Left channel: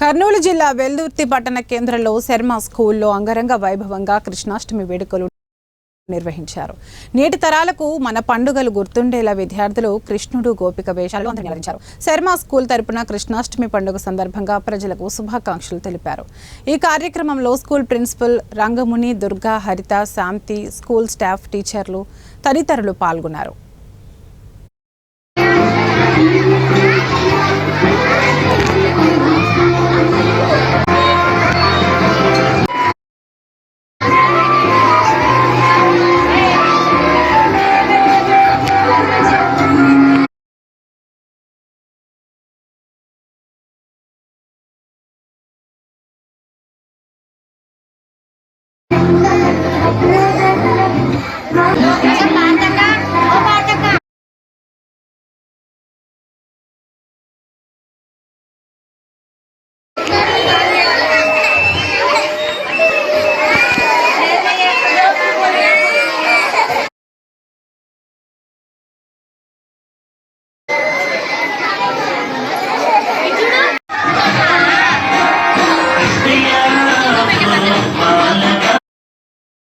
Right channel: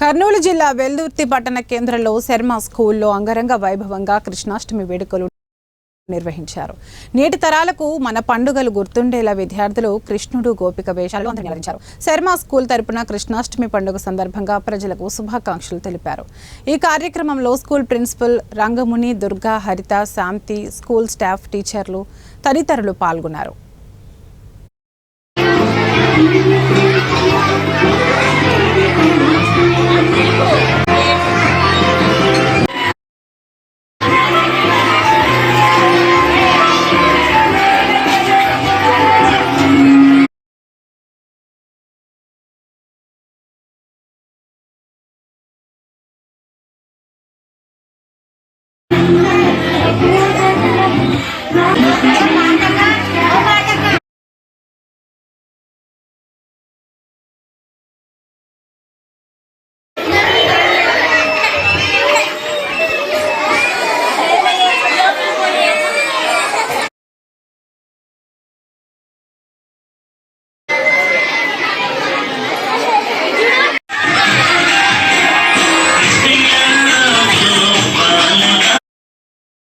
కర్నూలు జిల్లా వెల్దుర్తి పట్టణ కేంద్రంలో శర్మ స్కూల్లో అంగరంగ వైభవంగా కృష్ణాష్టమి వేడుకలు నిర్వహించారు. నేటి తరాలకు మన పండుగలు గుర్తుండేలా విద్యార్థులు కృష్ణుడు గోపిక వేషాలు నిర్వహించారు. శర్మ స్కూల్ తరపున కృష్ణాష్టమి పండుగ సందర్భంగా ప్రజలకు శుభాకాంక్షలు తెలిపారు. ఈ కార్యక్రమంలో స్కూల్ ప్రిన్సిపల్ రంగముని, దుర్గా, హరిత, శాంతి, స్కూల్ స్టాఫ్, టీచర్లు తదితరులు పాల్గొన్నారు.